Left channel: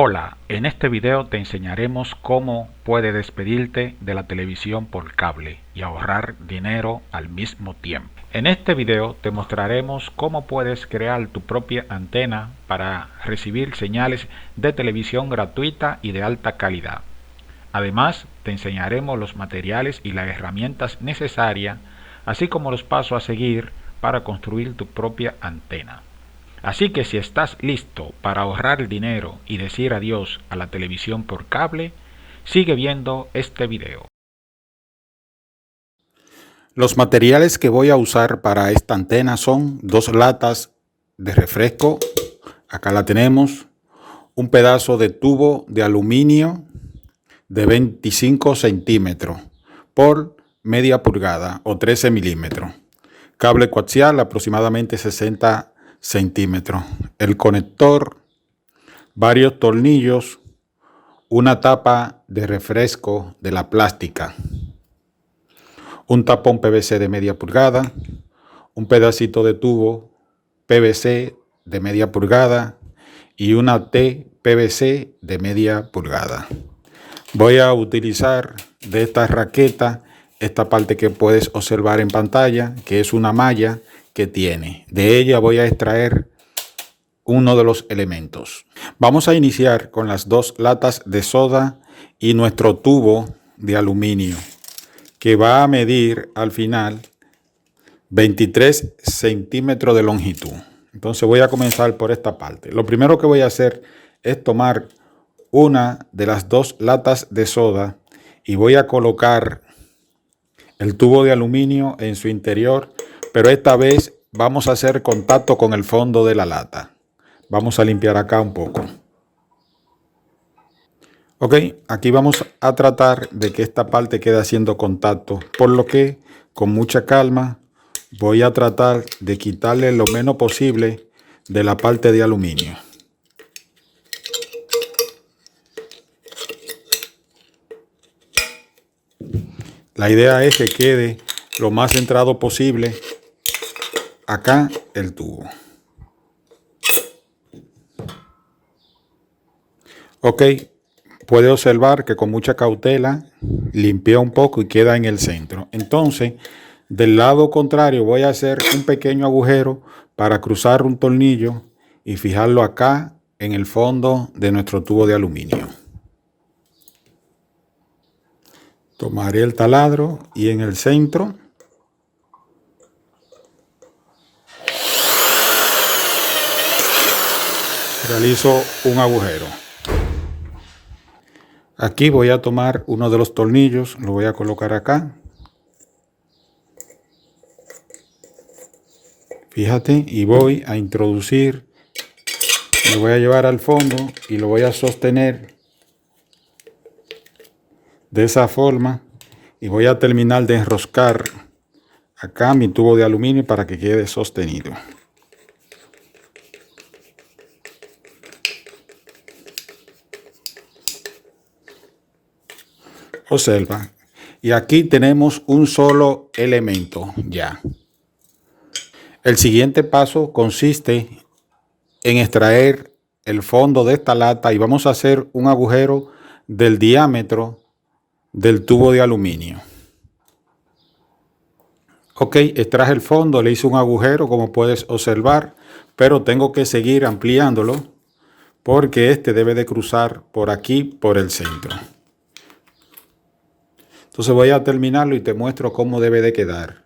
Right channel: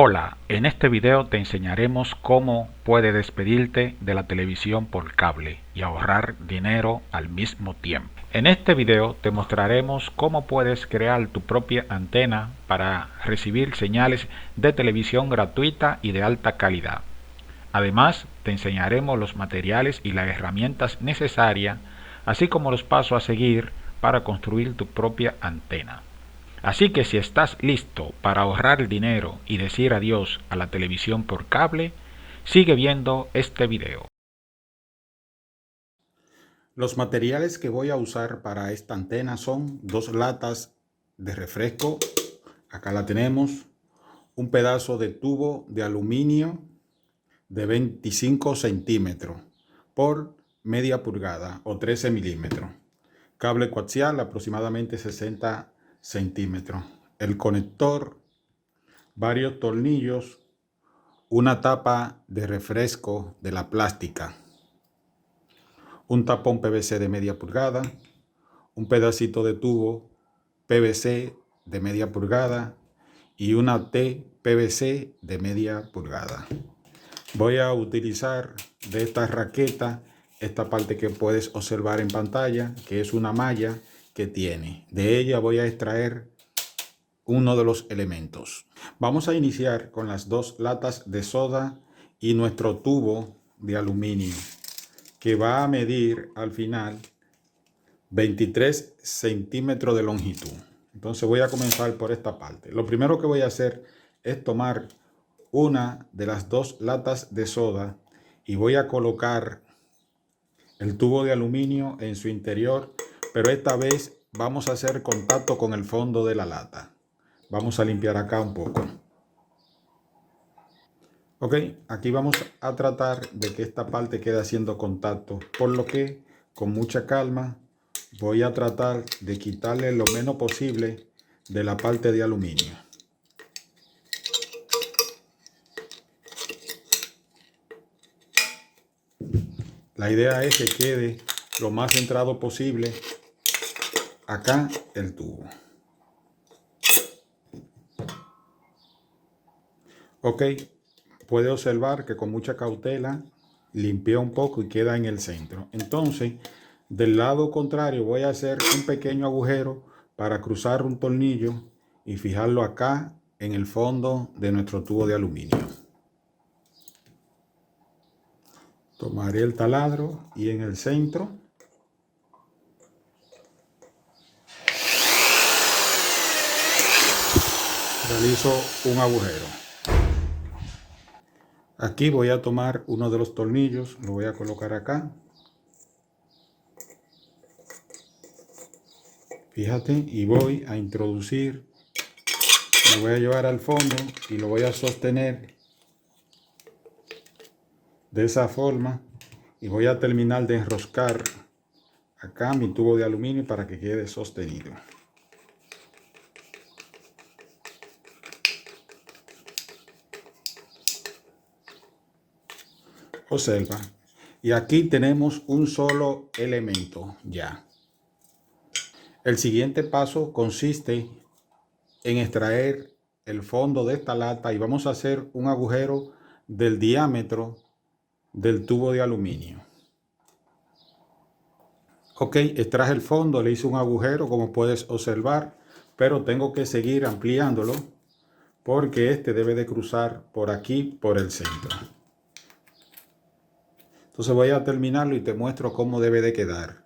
Hola, en este video te enseñaremos cómo puedes despedirte de la televisión por cable y ahorrar dinero al mismo tiempo. En este video te mostraremos cómo puedes crear tu propia antena para recibir señales de televisión gratuita y de alta calidad. Además, te enseñaremos los materiales y las herramientas necesarias, así como los pasos a seguir para construir tu propia antena. Así que si estás listo para ahorrar dinero y decir adiós a la televisión por cable, sigue viendo este video. Los materiales que voy a usar para esta antena son 2 latas de refresco, acá la tenemos, un pedazo de tubo de aluminio de 25 centímetros por media pulgada o 13 milímetros, cable coaxial aproximadamente 60 centímetros, el conector, varios tornillos, una tapa de refresco de la plástica, un tapón PVC de media pulgada, un pedacito de tubo PVC de media pulgada y una T PVC de media pulgada. Voy a utilizar de esta raqueta esta parte que puedes observar en pantalla, que es una malla que tiene. De ella voy a extraer uno de los elementos. Vamos a iniciar con las 2 latas de soda y nuestro tubo de aluminio, que va a medir al final 23 centímetros de longitud. Entonces voy a comenzar por esta parte. Lo primero que voy a hacer es tomar una de las 2 latas de soda y voy a colocar el tubo de aluminio en su interior, pero esta vez vamos a hacer contacto con el fondo de la lata. Vamos a limpiar acá un poco. Ok, aquí vamos a tratar de que esta parte quede haciendo contacto, por lo que con mucha calma voy a tratar de quitarle lo menos posible de la parte de aluminio. La idea es que quede lo más centrado posible acá el tubo. Ok, puede observar que con mucha cautela limpié un poco y queda en el centro. Entonces, del lado contrario voy a hacer un pequeño agujero para cruzar un tornillo y fijarlo acá en el fondo de nuestro tubo de aluminio. Tomaré el taladro y en el centro realizo un agujero. Aquí voy a tomar uno de los tornillos, lo voy a colocar acá. Fíjate, y voy a introducir, me voy a llevar al fondo y lo voy a sostener de esa forma y voy a terminar de enroscar acá mi tubo de aluminio para que quede sostenido. Observa, y aquí tenemos un solo elemento ya. El siguiente paso consiste en extraer el fondo de esta lata y vamos a hacer un agujero del diámetro del tubo de aluminio. Ok, extraje el fondo, le hice un agujero como puedes observar, pero tengo que seguir ampliándolo porque este debe de cruzar por aquí, por el centro. Entonces voy a terminarlo y te muestro cómo debe de quedar.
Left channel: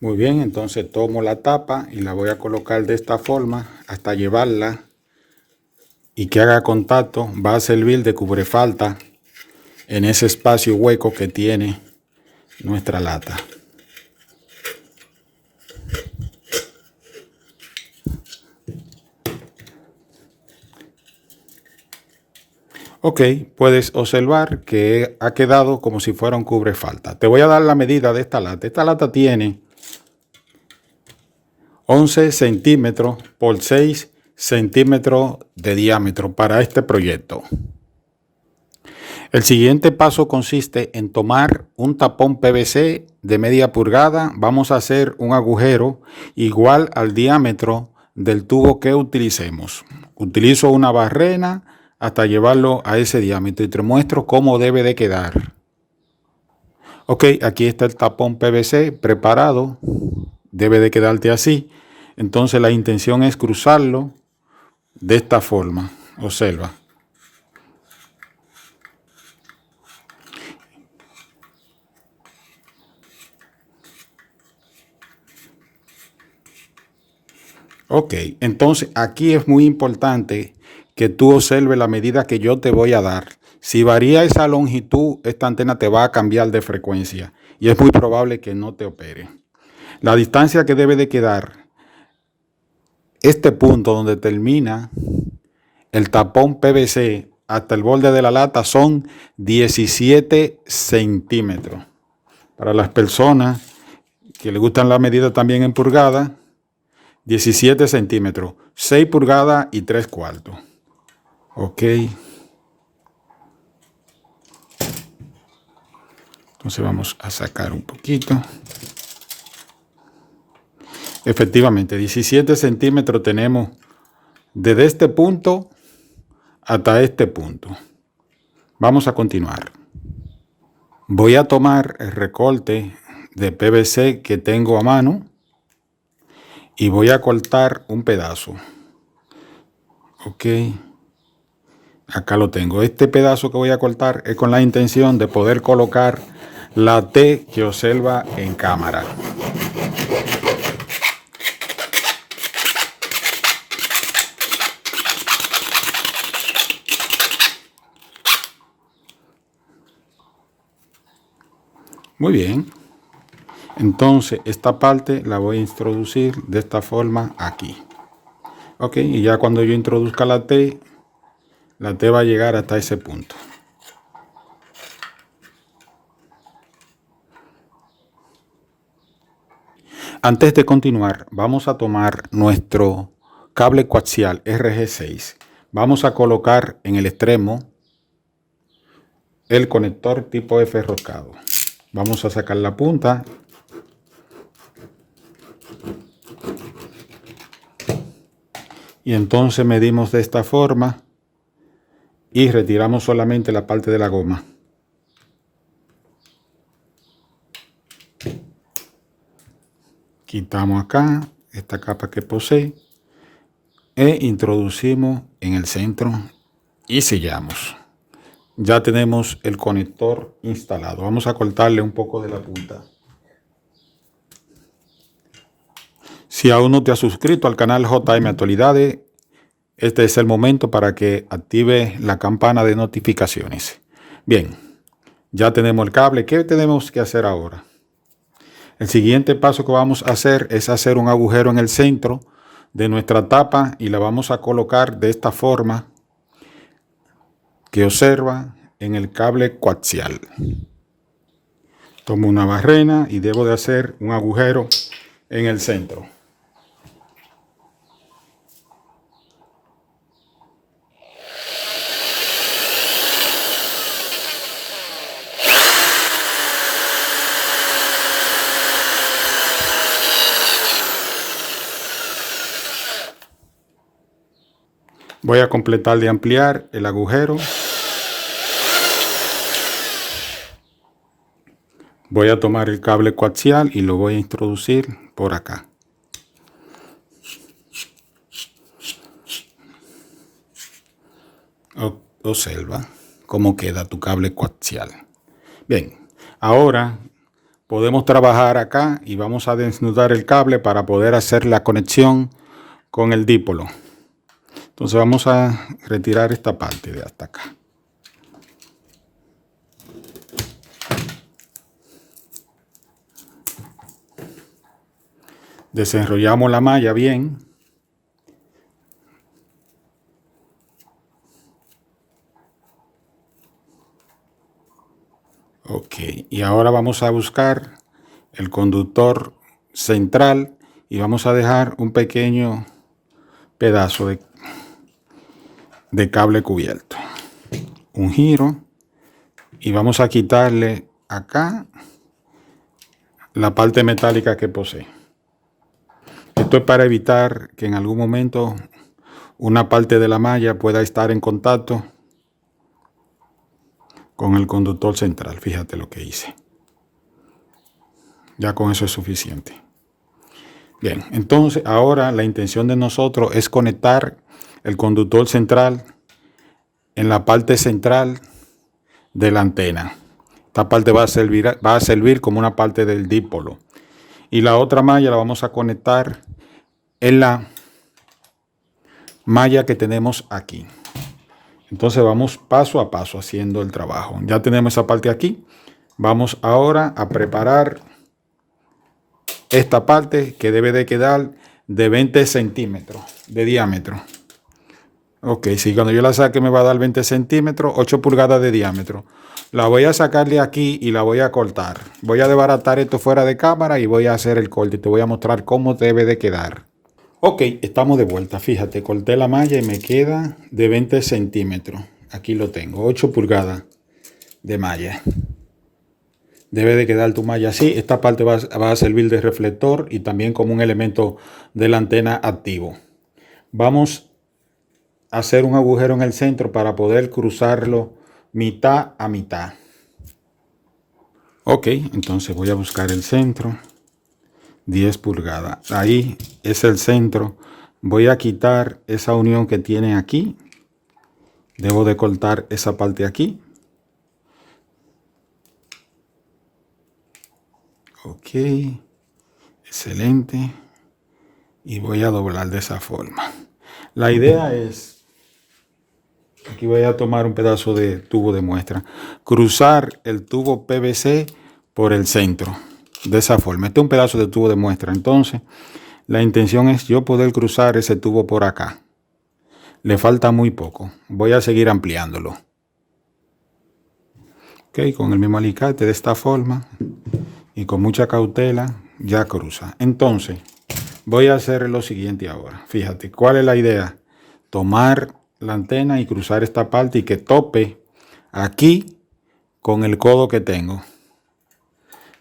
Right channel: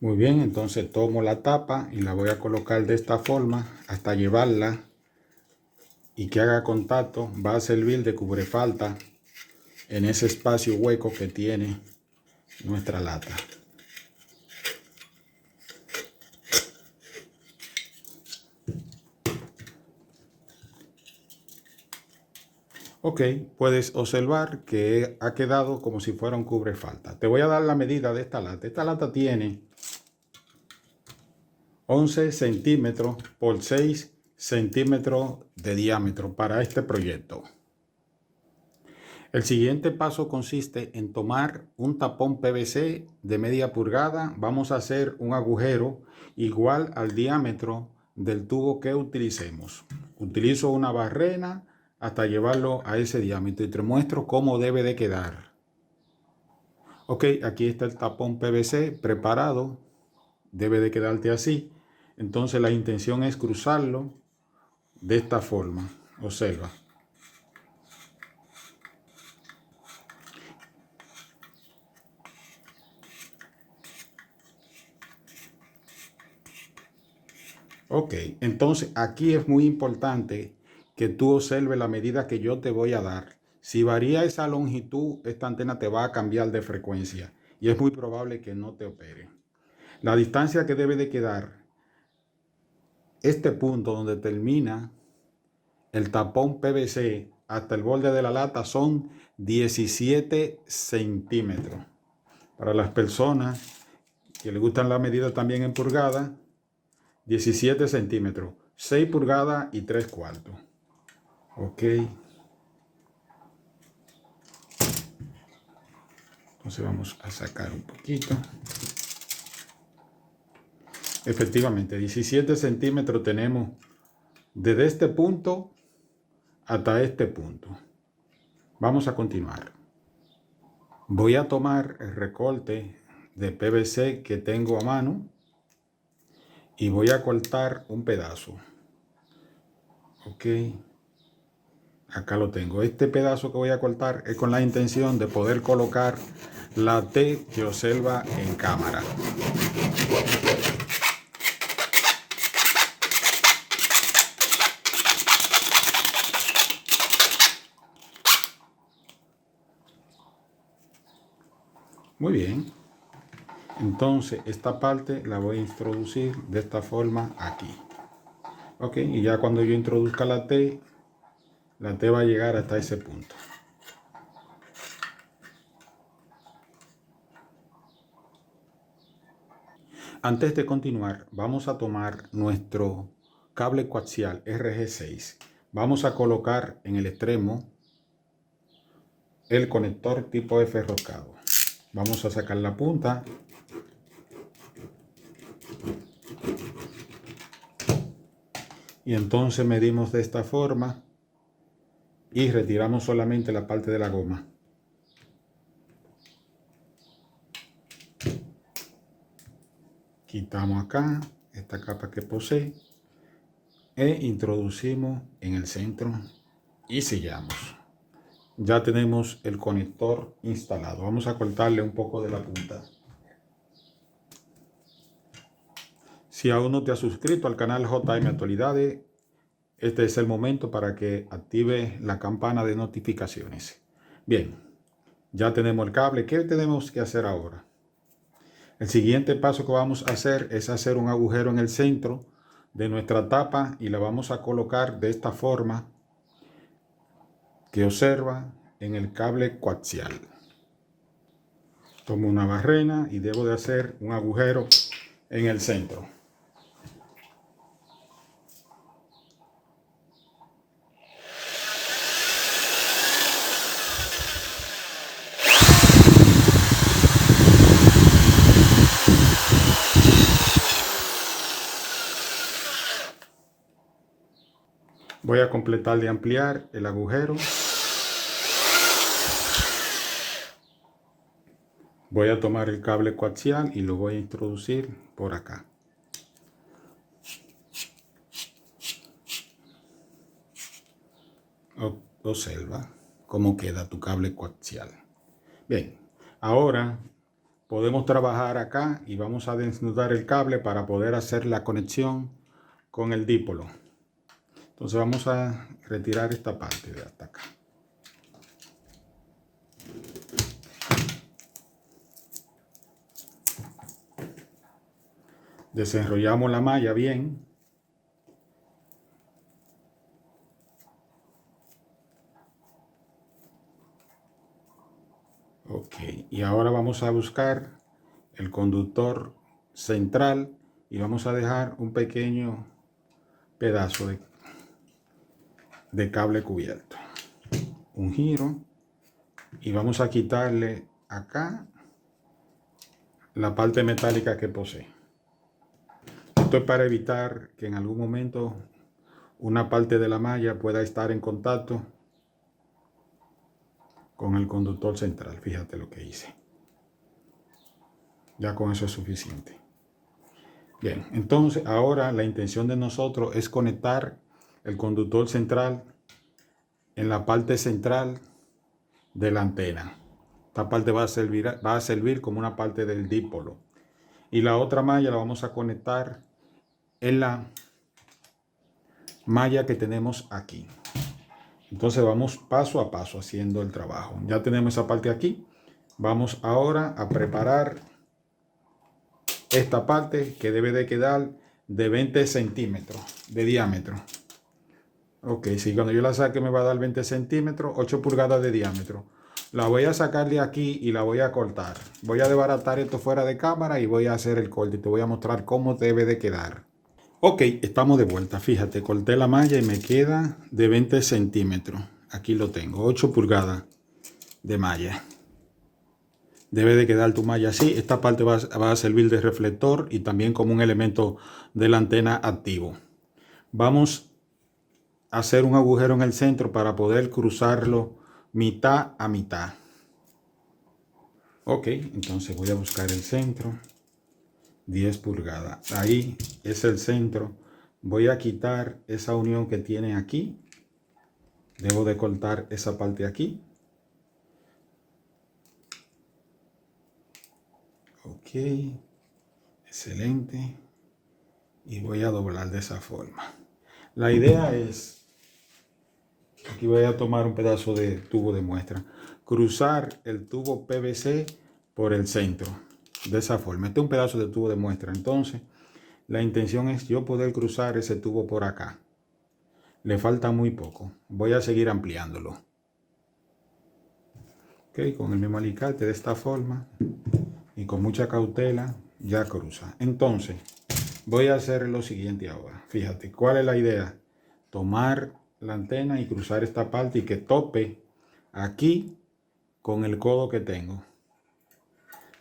Muy bien, entonces tomo la tapa y la voy a colocar de esta forma hasta llevarla y que haga contacto. Va a servir de cubrefalta en ese espacio hueco que tiene nuestra lata. Ok, puedes observar que ha quedado como si fuera un cubrefalta. Te voy a dar la medida de esta lata. Esta lata tiene 11 centímetros por 6 centímetros de diámetro para este proyecto. El siguiente paso consiste en tomar un tapón PVC de media pulgada. Vamos a hacer un agujero igual al diámetro del tubo que utilicemos. Utilizo una barrena hasta llevarlo a ese diámetro y te muestro cómo debe de quedar. Ok, aquí está el tapón PVC preparado. Debe de quedarte así. Entonces la intención es cruzarlo de esta forma. Observa. Ok, entonces aquí es muy importante que tú observes la medida que yo te voy a dar. Si varía esa longitud, esta antena te va a cambiar de frecuencia y es muy probable que no te opere. La distancia que debe de quedar, este punto donde termina el tapón PVC hasta el borde de la lata, son 17 centímetros. Para las personas que les gustan la medida también en pulgadas, 17 centímetros, 6 pulgadas y 3/4. Ok. Entonces vamos a sacar un poquito. Efectivamente, 17 centímetros tenemos desde este punto hasta este punto. Vamos a continuar. Voy a tomar el recorte de PVC que tengo a mano y voy a cortar un pedazo. Ok. Acá lo tengo. Este pedazo que voy a cortar es con la intención de poder colocar la T que observa en cámara. Muy bien. Entonces esta parte la voy a introducir de esta forma aquí. Ok, y ya cuando yo introduzca la T va a llegar hasta ese punto. Antes de continuar, vamos a tomar nuestro cable coaxial RG6. Vamos a colocar en el extremo el conector tipo F roscado. Vamos a sacar la punta. Y entonces medimos de esta forma y retiramos solamente la parte de la goma. Quitamos acá esta capa que posee e introducimos en el centro y sellamos. Ya tenemos el conector instalado. Vamos a cortarle un poco de la punta. Si aún no te has suscrito al canal JM Actualidades, este es el momento para que active la campana de notificaciones. Bien, ya tenemos el cable. ¿Qué tenemos que hacer ahora? El siguiente paso que vamos a hacer es hacer un agujero en el centro de nuestra tapa y la vamos a colocar de esta forma que observa en el cable coaxial. Tomo una barrena y debo de hacer un agujero en el centro. Voy a completar de ampliar el agujero. Voy a tomar el cable coaxial y lo voy a introducir por acá. Observa cómo queda tu cable coaxial. Bien, ahora podemos trabajar acá y vamos a desnudar el cable para poder hacer la conexión con el dipolo. Entonces vamos a retirar esta parte de hasta acá. Desenrollamos la malla bien. Ok, y ahora vamos a buscar el conductor central y vamos a dejar un pequeño pedazo de cable cubierto. Un giro y vamos a quitarle acá la parte metálica que posee. Esto es para evitar que en algún momento una parte de la malla pueda estar en contacto con el conductor central. Fíjate lo que hice. Ya con eso es suficiente. Bien, entonces ahora la intención de nosotros es conectar el conductor central en la parte central de la antena. Esta parte va a servir como una parte del dipolo. Y la otra malla la vamos a conectar en la malla que tenemos aquí. Entonces vamos paso a paso haciendo el trabajo. Ya tenemos esa parte aquí. Vamos ahora a preparar esta parte que debe de quedar de 20 centímetros de diámetro. Ok, si cuando yo la saque me va a dar 20 centímetros, 8 pulgadas de diámetro. La voy a sacar de aquí y la voy a cortar. Voy a desbaratar esto fuera de cámara y voy a hacer el corte. Te voy a mostrar cómo debe de quedar. Ok, estamos de vuelta. Fíjate, corté la malla y me queda de 20 centímetros. Aquí lo tengo, 8 pulgadas de malla. Debe de quedar tu malla así. Esta parte va a servir de reflector y también como un elemento de la antena activo. Vamos a hacer un agujero en el centro para poder cruzarlo mitad a mitad. Ok, entonces voy a buscar el centro. 10 pulgadas. Ahí es el centro. Voy a quitar esa unión que tiene aquí. Debo de cortar esa parte aquí. Ok, excelente. Y voy a doblar de esa forma. La idea es, aquí voy a tomar un pedazo de tubo de muestra, cruzar el tubo PVC por el centro. De esa forma. Este es un pedazo de tubo de muestra. Entonces, la intención es yo poder cruzar ese tubo por acá. Le falta muy poco. Voy a seguir ampliándolo. Ok, con el mismo alicate de esta forma y con mucha cautela ya cruza. Entonces, voy a hacer lo siguiente ahora. Fíjate, ¿cuál es la idea? Tomar la antena y cruzar esta parte y que tope aquí con el codo que tengo.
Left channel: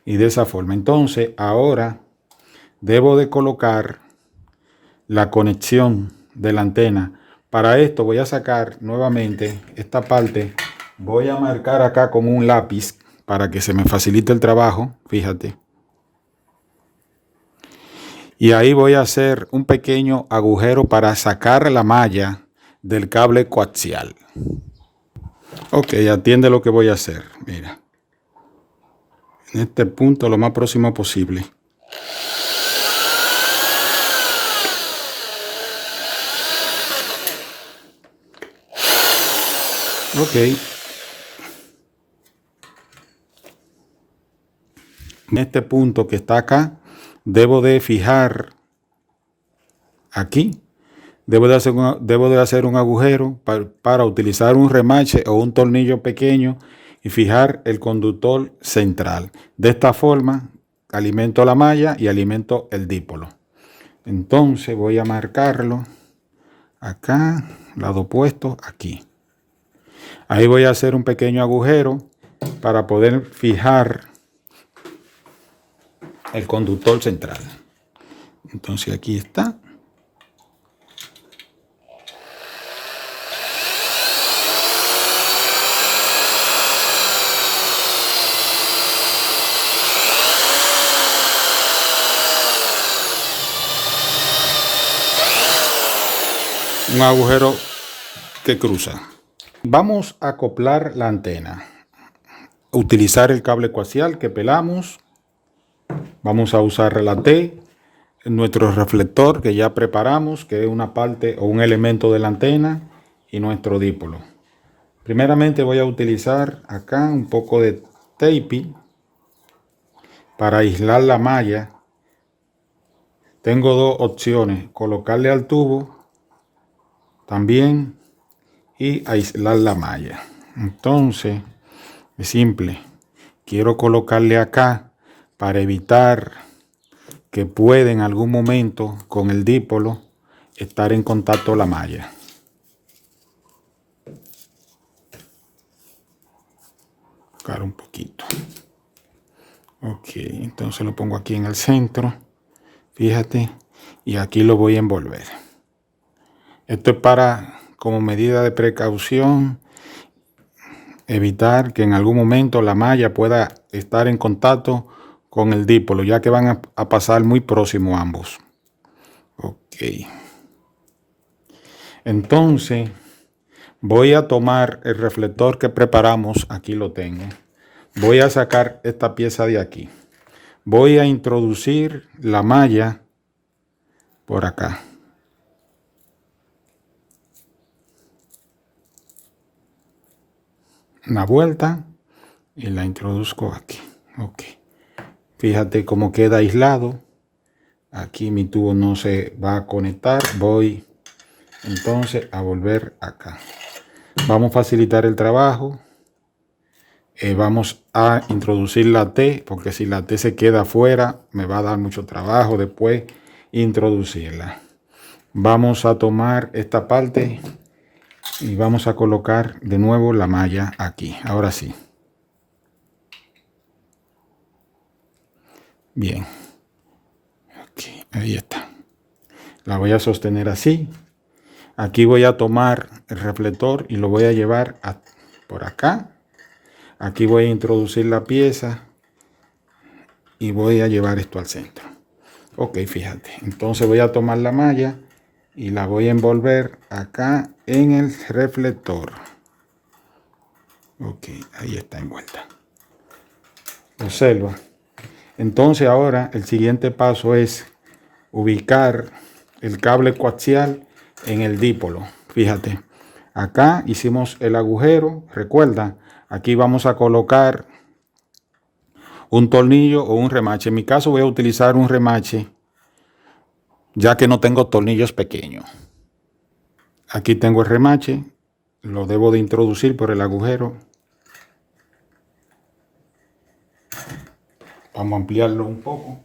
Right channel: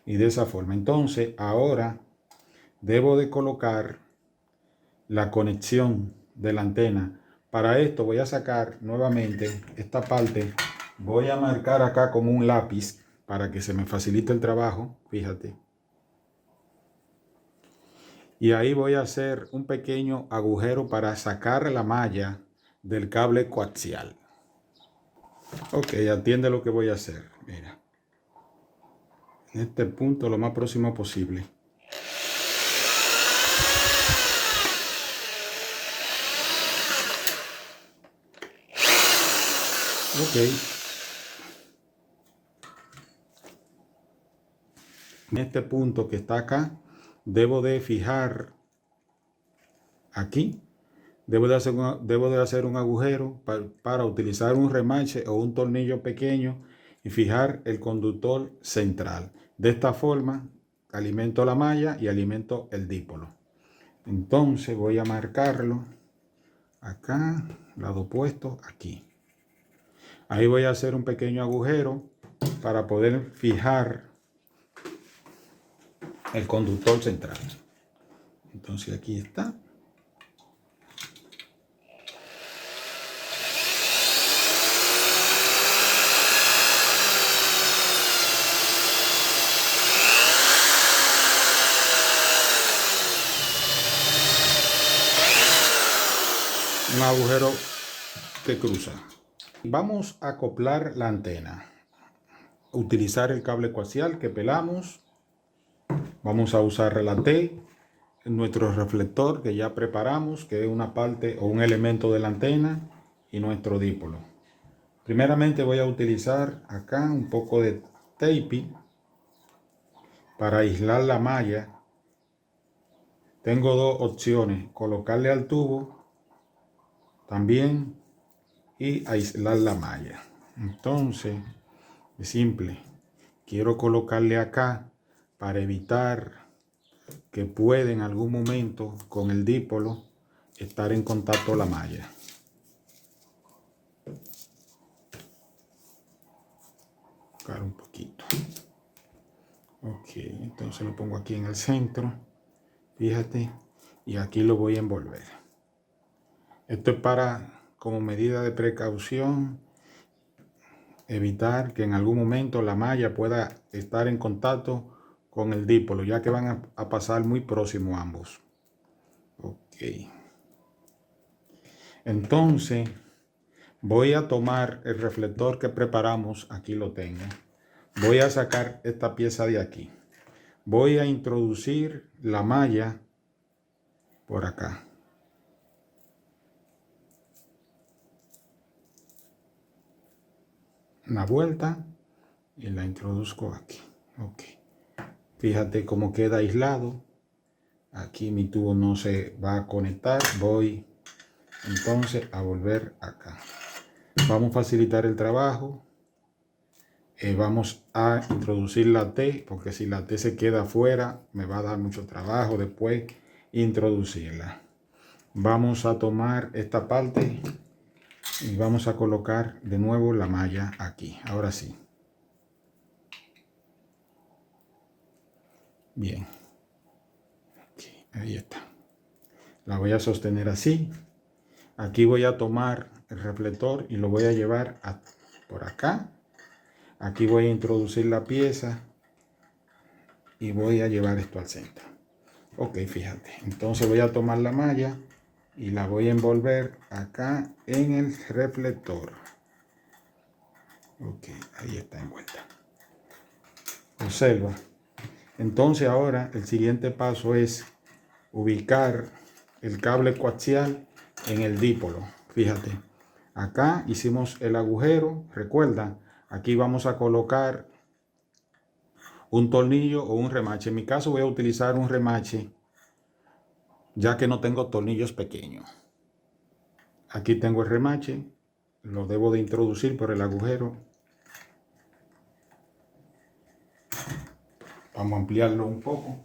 Y de esa forma. Entonces, ahora debo de colocar la conexión de la antena. Para esto voy a sacar nuevamente esta parte. Voy a marcar acá con un lápiz para que se me facilite el trabajo. Fíjate. Y ahí voy a hacer un pequeño agujero para sacar la malla del cable coaxial. Ok, atiende lo que voy a hacer. Mira. En este punto lo más próximo posible. Ok. En este punto que está acá, debo de fijar aquí. Debo de hacer un agujero para utilizar un remache o un tornillo pequeño y fijar el conductor central. De esta forma, alimento la malla y alimento el dipolo. Entonces voy a marcarlo acá, lado opuesto, aquí. Ahí voy a hacer un pequeño agujero para poder fijar el conductor central. Entonces aquí está. Un agujero que cruza. Vamos a acoplar la antena. Utilizar el cable coaxial que pelamos. Vamos a usar la T, nuestro reflector que ya preparamos, que es una parte o un elemento de la antena, y nuestro dipolo. Primeramente voy a utilizar acá un poco de tape para aislar la malla. Tengo dos opciones, colocarle al tubo también y aislar la malla. Entonces, es simple. Quiero colocarle acá para evitar que pueda en algún momento con el dipolo estar en contacto la malla. Buscar un poquito. Ok, entonces lo pongo aquí en el centro. Fíjate. Y aquí lo voy a envolver. Esto es para, como medida de precaución, evitar que en algún momento la malla pueda estar en contacto con el dipolo, ya que van a pasar muy próximo ambos. Ok. Entonces, voy a tomar el reflector que preparamos. Aquí lo tengo. Voy a sacar esta pieza de aquí. Voy a introducir la malla por acá. Una vuelta y la introduzco aquí. Ok. Fíjate cómo queda aislado. Aquí mi tubo no se va a conectar. Voy entonces a volver acá. Vamos a facilitar el trabajo. Vamos a introducir la T, porque si la T se queda afuera me va a dar mucho trabajo después introducirla. Vamos a tomar esta parte y vamos a colocar de nuevo la malla aquí. Ahora sí. Bien. Okay, ahí está. La voy a sostener así. Aquí voy a tomar el reflector y lo voy a llevar por acá. Aquí voy a introducir la pieza y voy a llevar esto al centro. Ok, fíjate. Entonces voy a tomar la malla y la voy a envolver acá en el reflector. Ok, ahí está envuelta. Observa. Entonces ahora el siguiente paso es ubicar el cable coaxial en el dipolo. Fíjate. Acá hicimos el agujero. Recuerda, aquí vamos a colocar un tornillo o un remache. En mi caso voy a utilizar un remache, ya que no tengo tornillos pequeños. Aquí tengo el remache. Lo debo de introducir por el agujero. Vamos a ampliarlo un poco.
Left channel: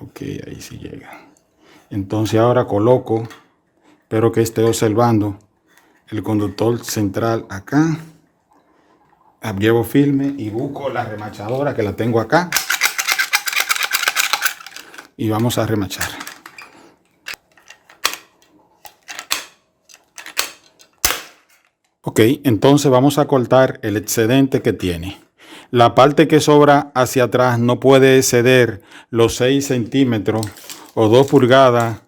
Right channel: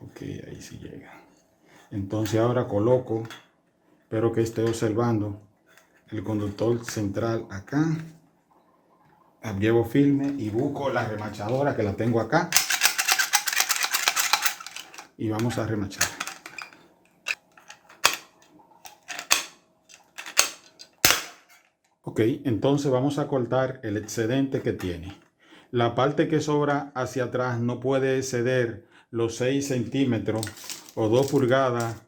Ok, ahí sí llega. Entonces ahora coloco, espero que esté observando, el conductor central acá. Llevo firme y busco la remachadora que la tengo acá. Y vamos a remachar. Ok, entonces vamos a cortar el excedente que tiene. La parte que sobra hacia atrás no puede exceder los 6 centímetros o 2 pulgadas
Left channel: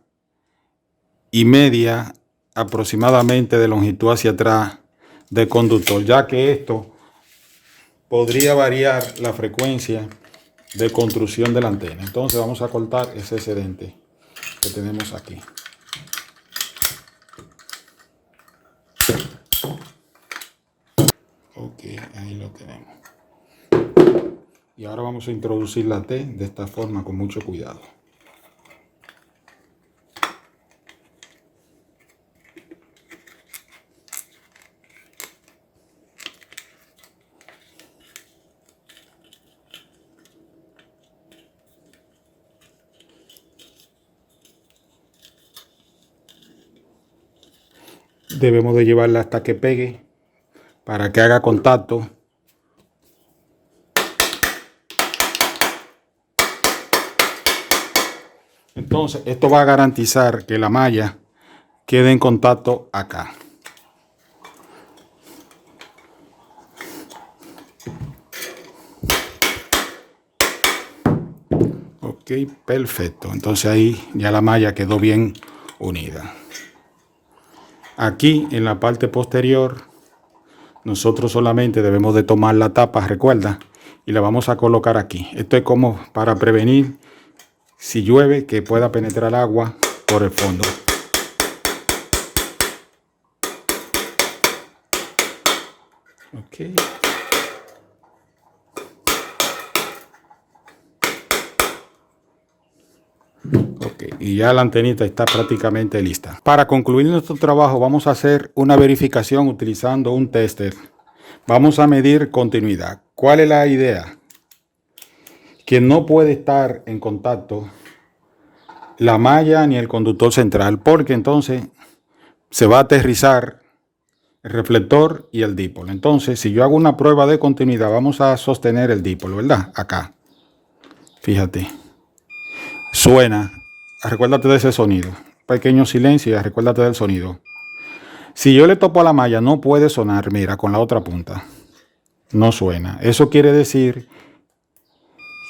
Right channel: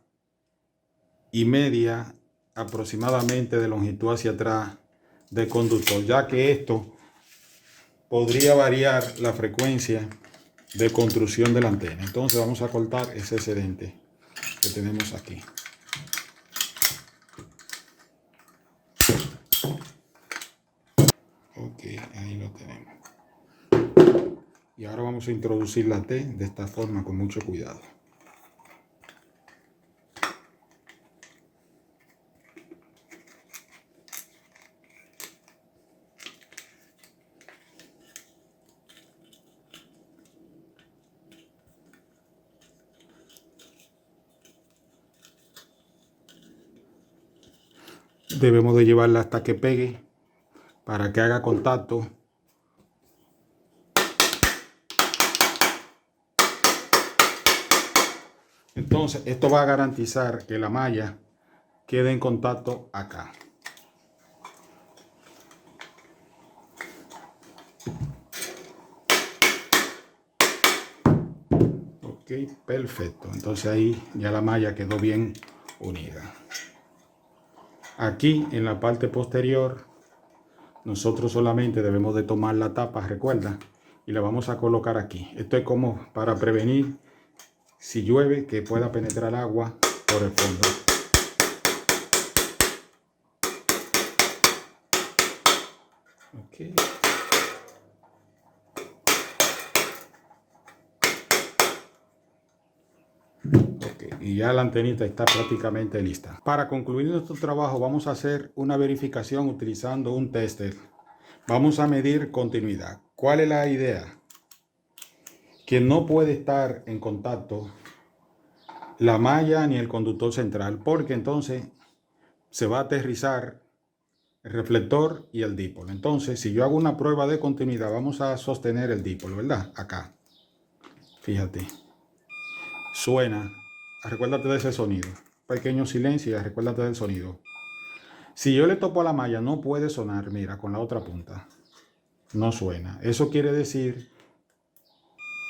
y media aproximadamente de longitud hacia atrás del conductor, ya que esto podría variar la frecuencia de construcción de la antena. Entonces vamos a cortar ese excedente que tenemos aquí. Ok, ahí lo tenemos. Y ahora vamos a introducir la T de esta forma con mucho cuidado. Debemos de llevarla hasta que pegue para que haga contacto. Entonces esto va a garantizar que la malla quede en contacto acá. Ok, perfecto. Entonces ahí ya la malla quedó bien unida. Aquí en la parte posterior nosotros solamente debemos de tomar la tapa, recuerda, y la vamos a colocar aquí. Esto es como para prevenir si llueve que pueda penetrar agua por el fondo. Okay. Y ya la antenita está prácticamente lista. Para concluir nuestro trabajo vamos a hacer una verificación utilizando un tester. Vamos a medir continuidad. ¿Cuál es la idea? Que no puede estar en contacto la malla ni el conductor central, porque entonces se va a aterrizar el reflector y el dipolo. Entonces, si yo hago una prueba de continuidad, vamos a sostener el dipolo, ¿verdad? Acá. Fíjate. Suena. Recuérdate de ese sonido. Pequeño silencio y recuérdate del sonido. Si yo le topo a la malla, no puede sonar, mira, con la otra punta. No suena. Eso quiere decir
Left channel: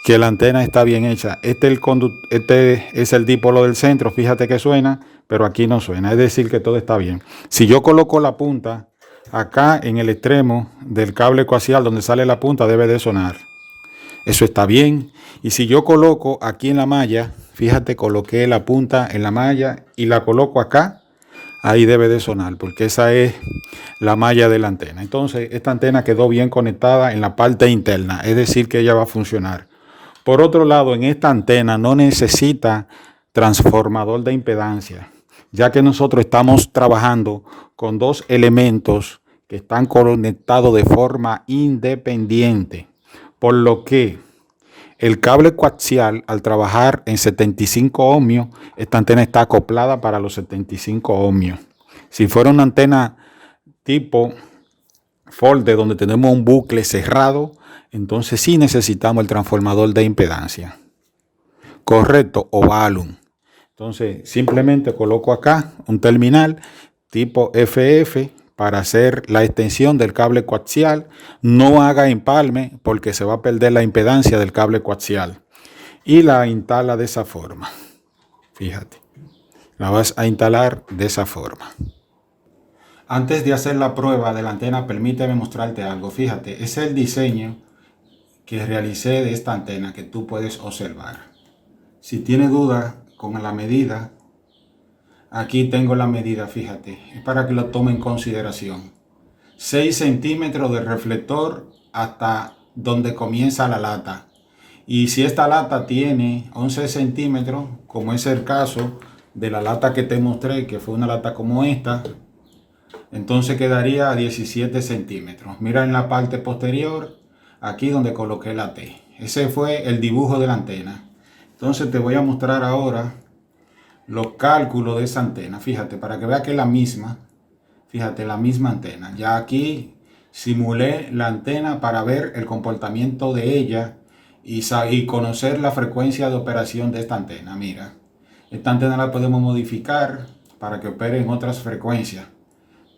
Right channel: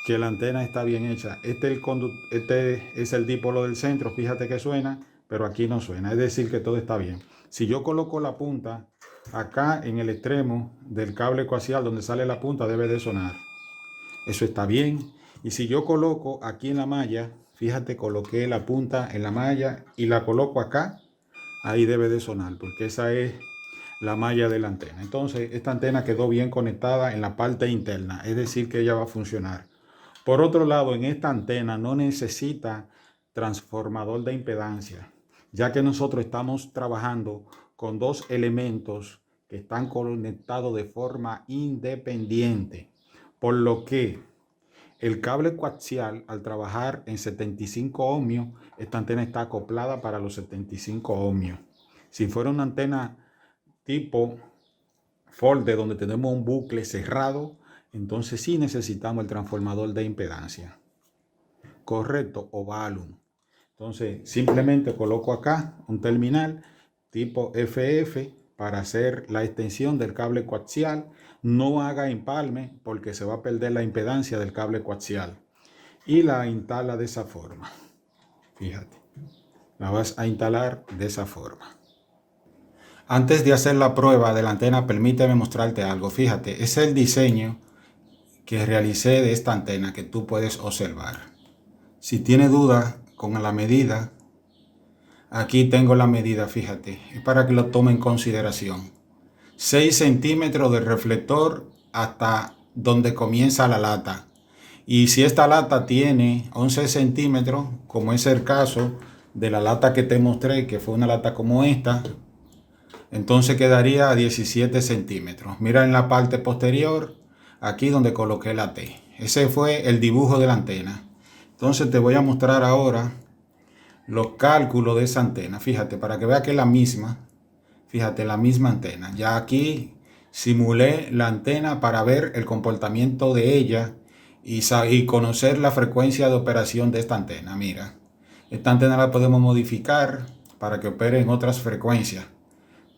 que la antena está bien hecha. Este es el dipolo del centro, fíjate que suena, pero aquí no suena. Es decir, que todo está bien. Si yo coloco la punta acá en el extremo del cable coaxial donde sale la punta, debe de sonar. Eso está bien. Y si yo coloco aquí en la malla, fíjate, coloqué la punta en la malla y la coloco acá, ahí debe de sonar, porque esa es la malla de la antena. Entonces, esta antena quedó bien conectada en la parte interna, es decir, que ella va a funcionar. Por otro lado, en esta antena no necesita transformador de impedancia, ya que nosotros estamos trabajando con dos elementos que están conectados de forma independiente, por lo que el cable coaxial, al trabajar en 75 ohmios, esta antena está acoplada para los 75 ohmios. Si fuera una antena tipo folder donde tenemos un bucle cerrado, entonces sí necesitamos el transformador de impedancia. Correcto, o balun. Entonces simplemente coloco acá un terminal tipo FF para hacer la extensión del cable coaxial. No haga empalme porque se va a perder la impedancia del cable coaxial. Y la instala de esa forma. Fíjate, la vas a instalar de esa forma. Antes de hacer la prueba de la antena, permíteme mostrarte algo. Fíjate, ese es el diseño que realicé de esta antena que tú puedes observar. Si tienes dudas con la medida, aquí tengo la medida, fíjate, es para que lo tome en consideración. 6 centímetros de reflector hasta donde comienza la lata. Y si esta lata tiene 11 centímetros, como es el caso de la lata que te mostré, que fue una lata como esta, entonces quedaría a 17 centímetros. Mira en la parte posterior, aquí donde coloqué la T. Ese fue el dibujo de la antena. Entonces te voy a mostrar ahora los cálculos de esa antena. Fíjate, para que veas que es la misma. Fíjate, la misma antena. Ya aquí simulé la antena para ver el comportamiento de ella y conocer la frecuencia de operación de esta antena. Mira, esta antena la podemos modificar para que opere en otras frecuencias,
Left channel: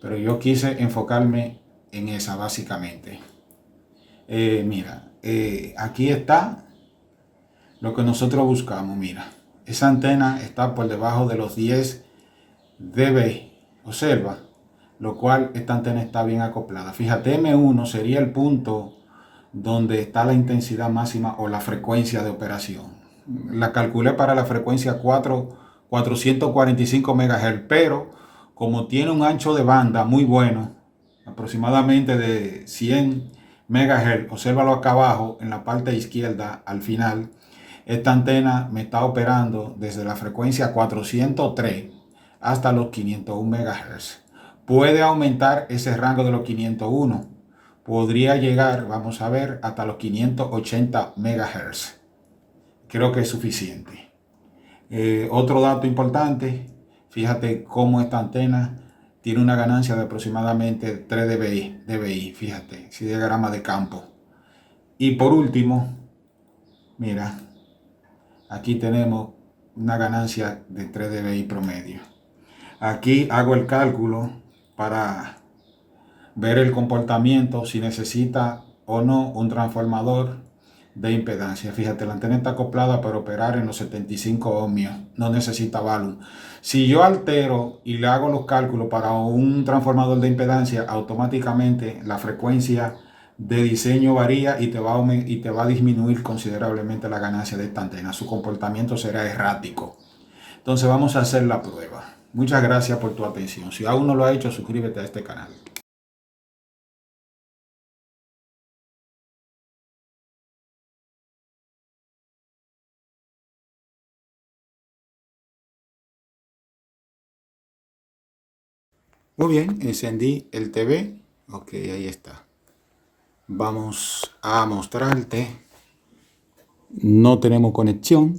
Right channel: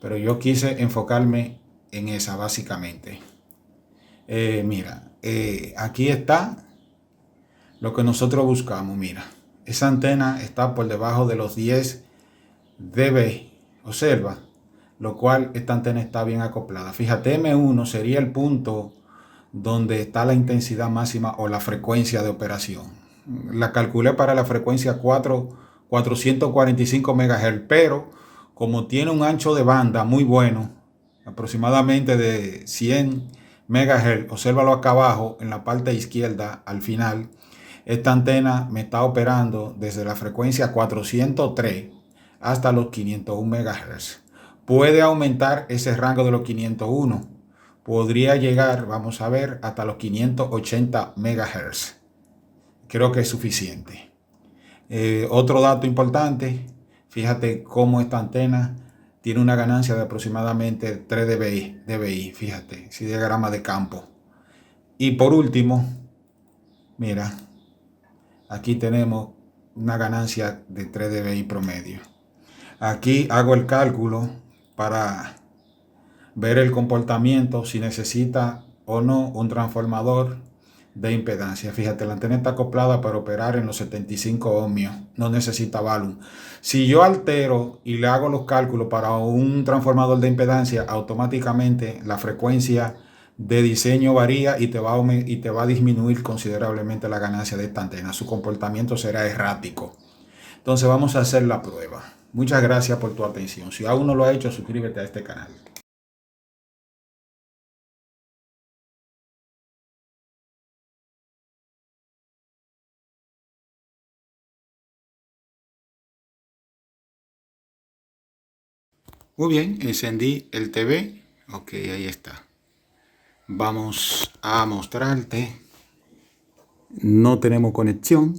pero yo quise enfocarme en esa básicamente. Mira, aquí está lo que nosotros buscamos. Mira, esa antena está por debajo de los 10 dB. Observa, lo cual esta antena está bien acoplada. Fíjate, M1 sería el punto donde está la intensidad máxima o la frecuencia de operación. La calculé para la frecuencia 445 MHz, pero como tiene un ancho de banda muy bueno, aproximadamente de 100 MHz, obsérvalo acá abajo en la parte izquierda al final, esta antena me está operando desde la frecuencia 403 hasta los 501 MHz. Puede aumentar ese rango de los 501. Podría llegar, vamos a ver, hasta los 580 MHz. Creo que es suficiente. Otro dato importante, fíjate cómo esta antena tiene una ganancia de aproximadamente 3 dBi, fíjate, si diagrama de campo. Y por último, mira, aquí tenemos una ganancia de 3 dBi promedio. Aquí hago el cálculo para ver el comportamiento, si necesita o no un transformador de impedancia. Fíjate, la antena está acoplada para operar en los 75 ohmios, no necesita balun. Si yo altero y le hago los cálculos para un transformador de impedancia, automáticamente la frecuencia de diseño varía y te va a disminuir considerablemente la ganancia de esta antena. Su comportamiento será errático. Entonces vamos a hacer la prueba. Muchas gracias por tu atención. Si aún no lo has hecho, suscríbete a este canal. Muy bien, encendí el TV. Ok, ahí está. Vamos a mostrarte. No tenemos conexión.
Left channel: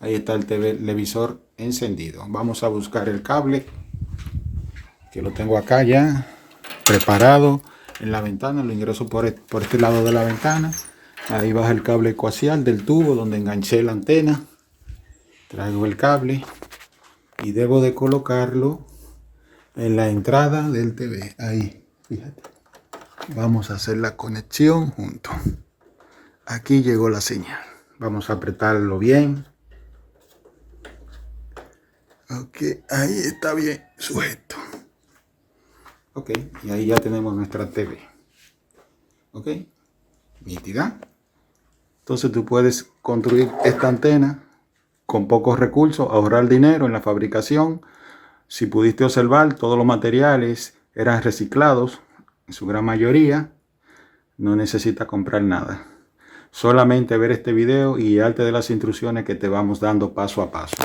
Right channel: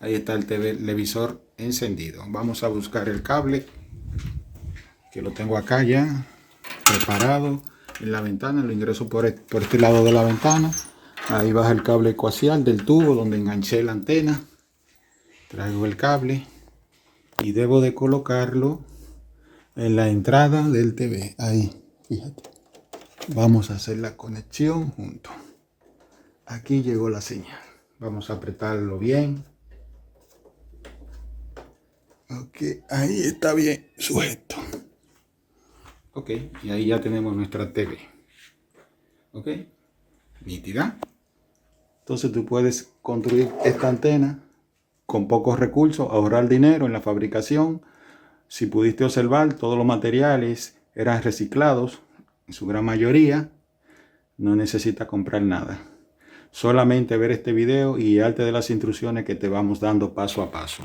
Ahí está el televisor encendido. Vamos a buscar el cable, que lo tengo acá ya preparado en la ventana. Lo ingreso por este lado de la ventana. Ahí baja el cable coaxial del tubo donde enganché la antena. Traigo el cable y debo de colocarlo en la entrada del TV. Ahí, fíjate. Vamos a hacer la conexión juntos. Aquí llegó la señal. Vamos a apretarlo bien. Ok, ahí está bien sujeto. Ok, y ahí ya tenemos nuestra TV. Ok, nítida. Entonces tú puedes construir esta antena con pocos recursos, ahorrar dinero en la fabricación. Si pudiste observar, todos los materiales eran reciclados, en su gran mayoría. No necesitas comprar nada. Solamente ver este video y guiarte de las instrucciones que te vamos dando paso a paso.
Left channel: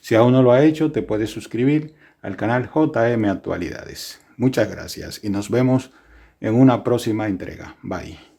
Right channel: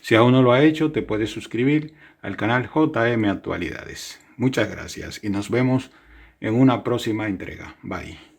Si aún no lo has hecho, te puedes suscribir al canal JM Actualidades. Muchas gracias y nos vemos en una próxima entrega. Bye.